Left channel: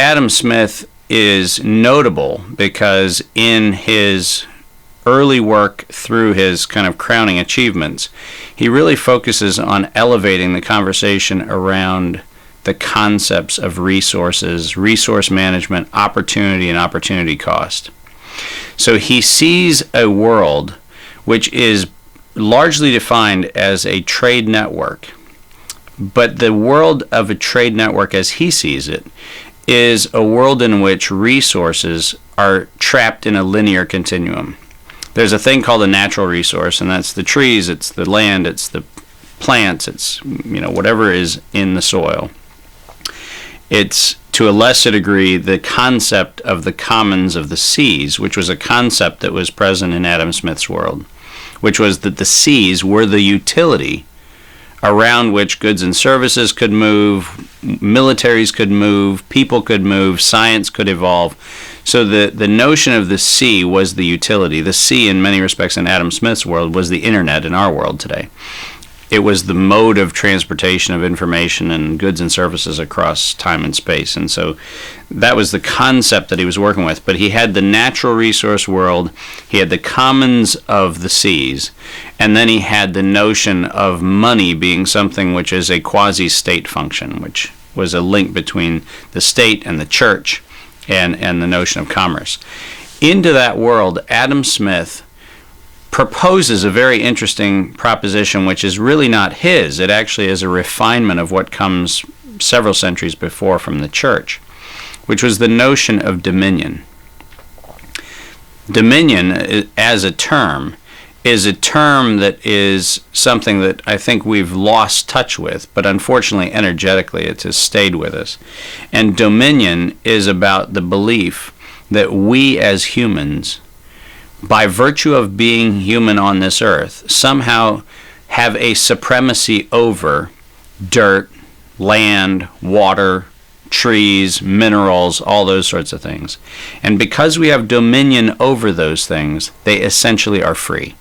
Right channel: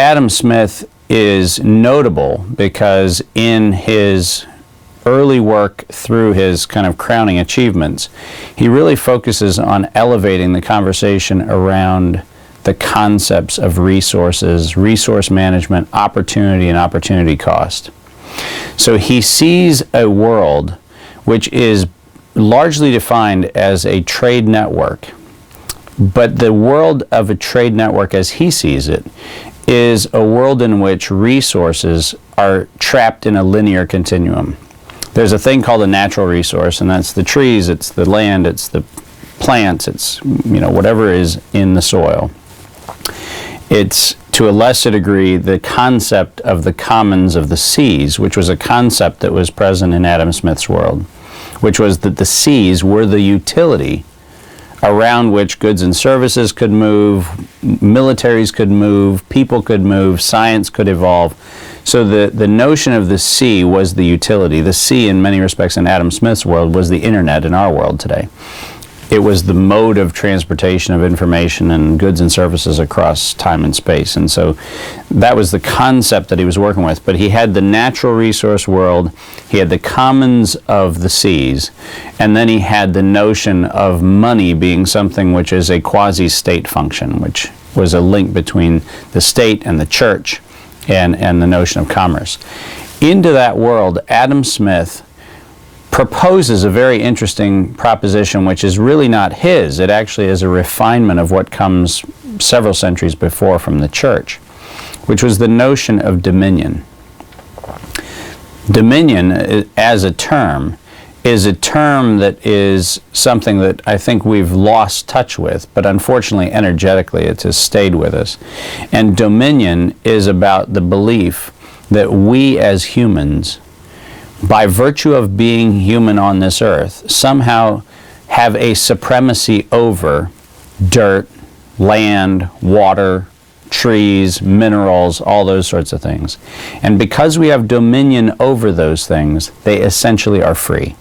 Adam Smith is notable because in his early work through his kind of crowning achievements, he really focuses on elevating the conversation around the concepts of resources, resource management, opportunity, and opportunity cost. So he sees a world which is largely defined as a trade network. But the world of a trade network as he sees it is a world in which resources are trapped in a linear continuum. There's a thing called a natural resource, and that's the trees, it's the land, it's the plants, it's whatever is in the soil. It's, to a lesser degree, the concept of the commons of the seas, which was a concept that was present in Adam Smith's world, which was that the seas were the utility around which goods and services could move, militaries could move, people could move, science could evolve. So the notion of the sea was the utility. The sea, in many respects, in Adam Smith's world, was the internet in our world today. It was the mode of transportation of information and goods and services across time and space. And so that was the concept that he was working with. But he had the natural resource world, he had the commons of the seas, and then he had the notion of money being something which is a quasi-state function, which was a link between the state and the church and the notion of commerce. Into that world, Adam Smith proposes a very interesting proposition, which is really not his. It actually is a refinement of what comes several centuries before from the church, which was the notion of dominion. Dominion, as a term, is a term that is something that I think we've lost touch with, but unfortunately, energetically, it has stayed with us. And dominion is about the belief that we as humans, by virtue of being human on this earth, somehow have a supremacy over dirt, land, water, trees, minerals, all those sorts of things. And because we have dominion over those things, they essentially are free.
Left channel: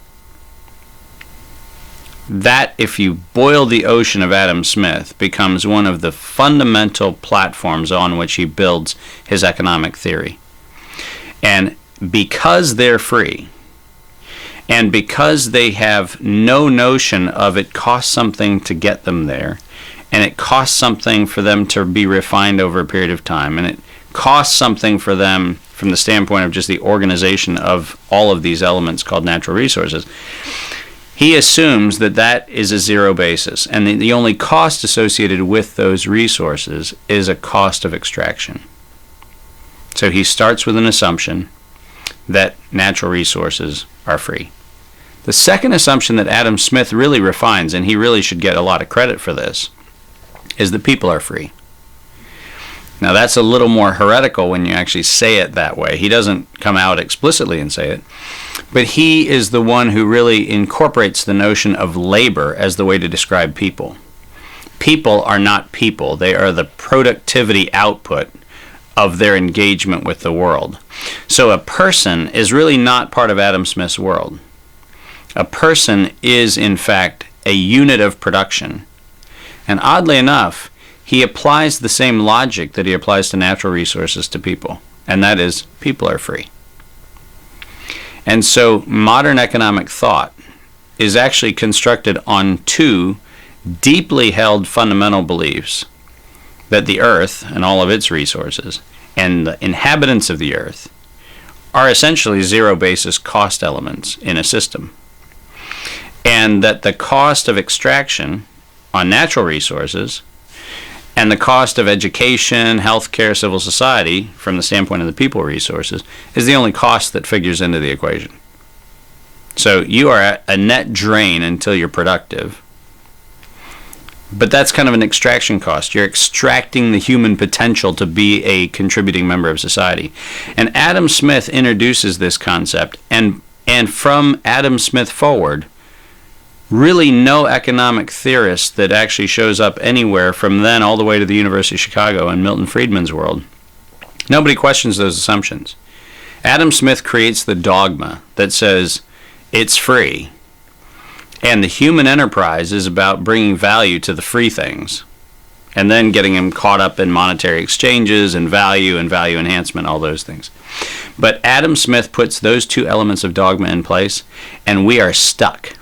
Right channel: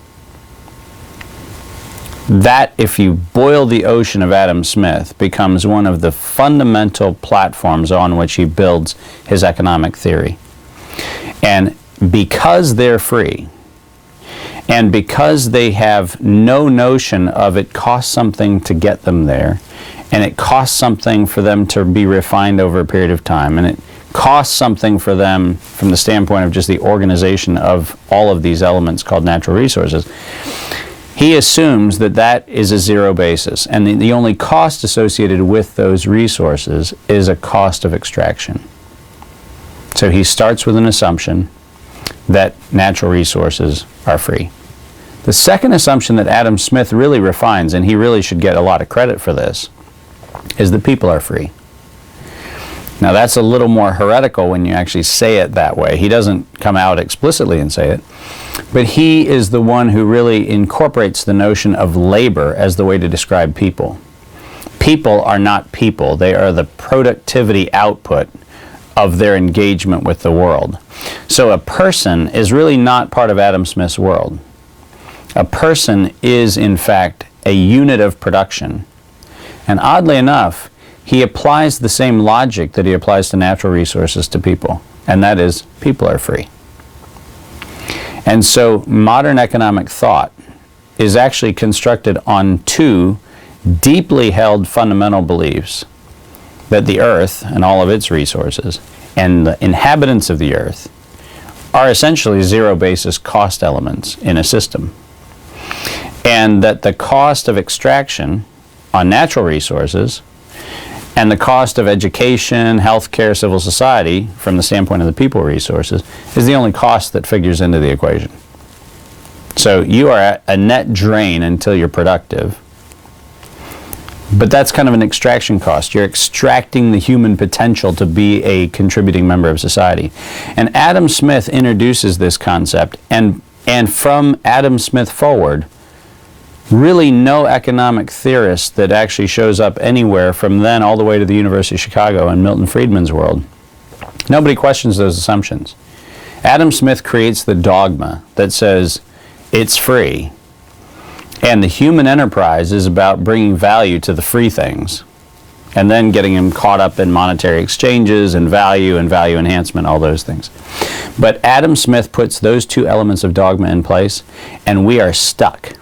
That, if you boil the ocean of Adam Smith, becomes one of the fundamental platforms on which he builds his economic theory. And because they're free, and because they have no notion of it costs something to get them there, and it costs something for them to be refined over a period of time, and it costs something for them from the standpoint of just the organization of all of these elements called natural resources, he assumes that that is a zero basis, and the only cost associated with those resources is a cost of extraction. So he starts with an assumption that natural resources are free. The second assumption that Adam Smith really refines, and he really should get a lot of credit for this, is that people are free. Now that's a little more heretical when you actually say it that way. He doesn't come out explicitly and say it, but he is the one who really incorporates the notion of labor as the way to describe people. People are not people. They are the productivity output of their engagement with the world. So a person is really not part of Adam Smith's world. A person is, in fact, a unit of production. And oddly enough, he applies the same logic that he applies to natural resources to people, and that is, people are free. And so modern economic thought is actually constructed on two deeply held fundamental beliefs: that the earth and all of its resources and the inhabitants of the earth are essentially zero basis cost elements in a system, and that the cost of extraction on natural resources and the cost of education, healthcare, civil society, from the standpoint of the people resources, is the only cost that figures into the equation. So you are a net drain until you're productive. But that's kind of an extraction cost. You're extracting the human potential to be a contributing member of society. And Adam Smith introduces this concept, and from Adam Smith forward, really no economic theorist that actually shows up anywhere from then all the way to the University of Chicago and Milton Friedman's world, nobody questions those assumptions. Adam Smith creates the dogma that says it's free, and the human enterprise is about bringing value to the free things. and then getting him caught up in monetary exchanges and value enhancement, all those things. But Adam Smith puts those two elements of dogma in place, and we are stuck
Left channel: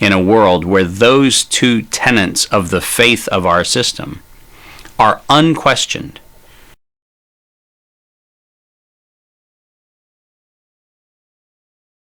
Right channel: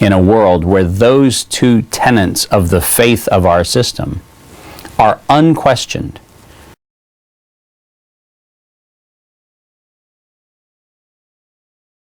in a world where those two tenets of the faith of our system are unquestioned.